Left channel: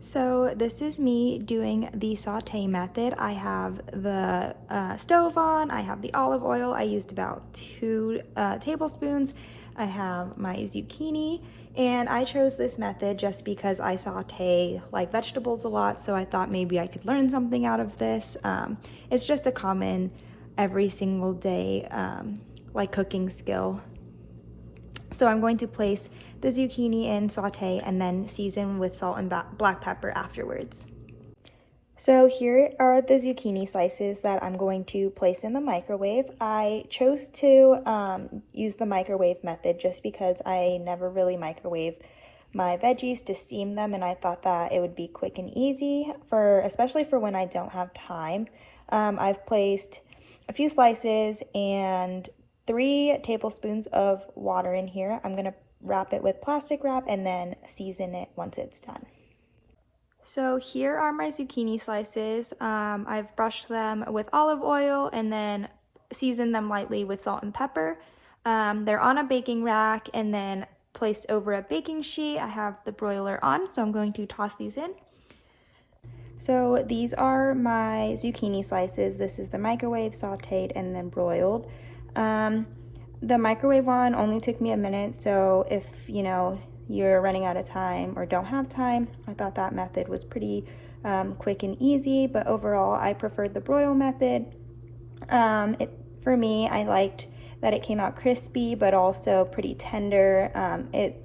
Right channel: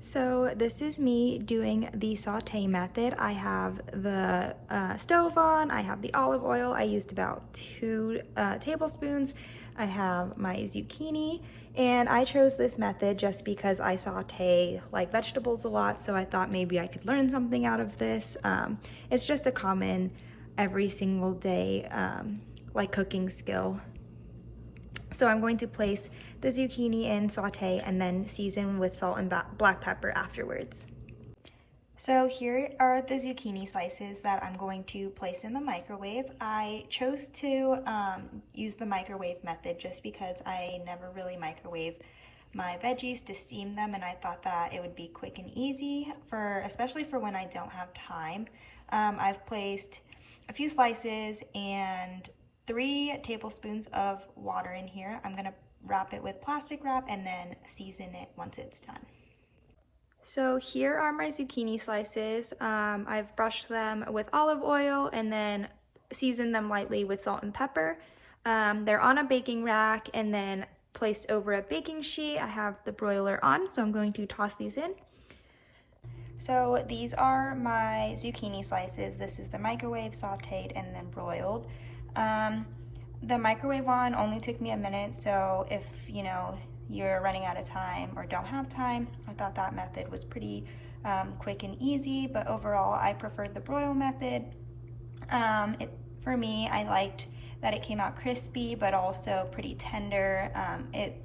So this is me doing the saute method. I have the stove on, I have the olive oil. I used about 2 tablespoons. I have my zucchini, and I chose this method just because I saute like vegetables a lot, so I thought maybe I could learn something out of this. It's just a common every single day like cooking skill. So I'm going to place the zucchini in saute and then season with salt and black pepper afterwards. So here are the zucchini slices that I'm going to place in the microwave. I chose to use the microwave method just because I never really microwave my veggies to steam them, and I thought that it would be quick and easy especially for when I don't have time. I've placed a few slices and 3 tablespoons of water in here. I'm gonna wrap it with plastic wrap and then season it once it's done. So here are my zucchini slices. I've brushed them with olive oil and then seasoned them lightly with salt and pepper. They're on a baking rack and then placed over a baking sheet. I have the broiler on, so I'm going to toss these in. So these are my zucchini slices. This is the microwave, sauteed, and then broiled. The microwave one only took me a minute, so if you're running out of time or don't have time, I thought that method was pretty quick and easy, but overall I preferred the broil method. For me, I liked that it came out crispy but also pretty tender. It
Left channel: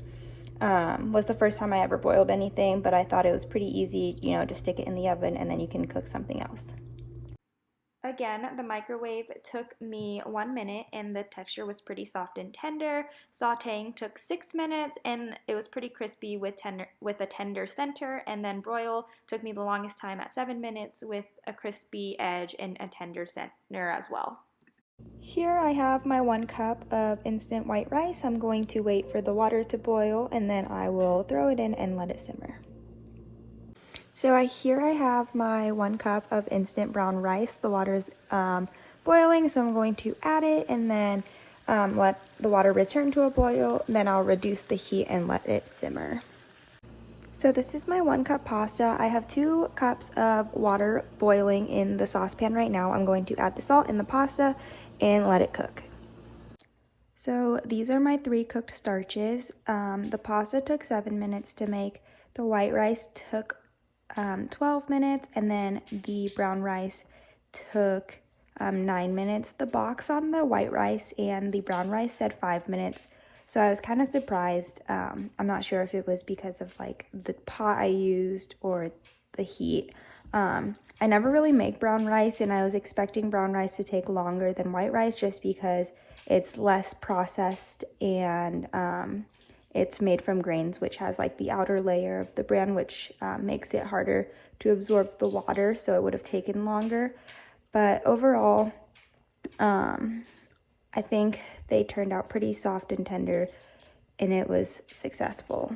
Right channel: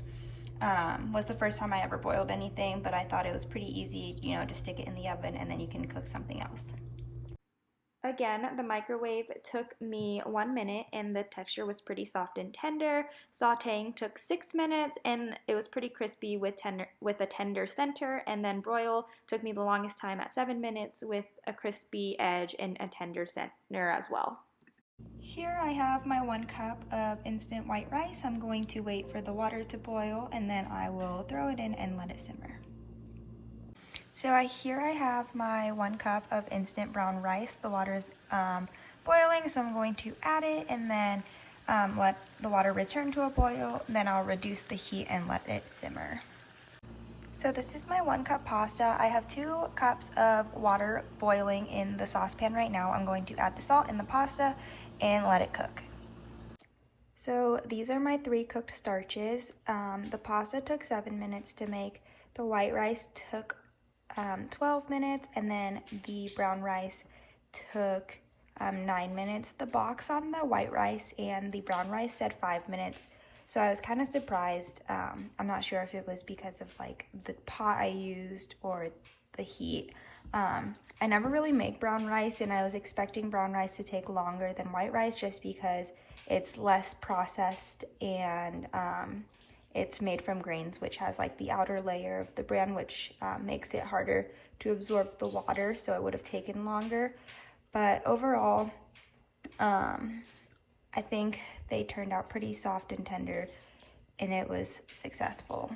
was the first time I ever boiled anything, but I thought it was pretty easy, to stick it in the oven and then you can cook something else. Again, the microwave took me 1 minute and the texture was pretty soft and tender. Sauteing took 6 minutes and it was pretty crispy with a tender center, and then broil took me the longest time at 7 minutes with a crispy edge and a tender center as well. Here I have my 1 cup of instant white rice. I'm going to wait for the water to boil and then I will throw it in and let it simmer. So here I have my 1 cup of instant brown rice. The water's boiling, so I'm going to add it and then let the water return to a boil. Then I'll reduce the heat and let it simmer. So this is my 1 cup pasta. I have 2 cups of water boiling in the saucepan right now. I'm going to add the salt in the pasta and let it cook. So these are my 3 cooked starches. The pasta took 7 minutes to make. The white rice took 12 minutes, and then the brown rice took 9 minutes. The box on the white rice and the brown rice said 5 minutes, so I was kind of surprised. I'm not sure if it was because of like the pot I used or the heat. I never really make brown rice, and I was expecting brown rice to take longer than white rice just because it's less processed and it's made from grains, which has like the outer layer of the bran, which makes it harder to absorb the water, so it would have taken longer. But overall, I think they turned out pretty soft and tender, and it was successful.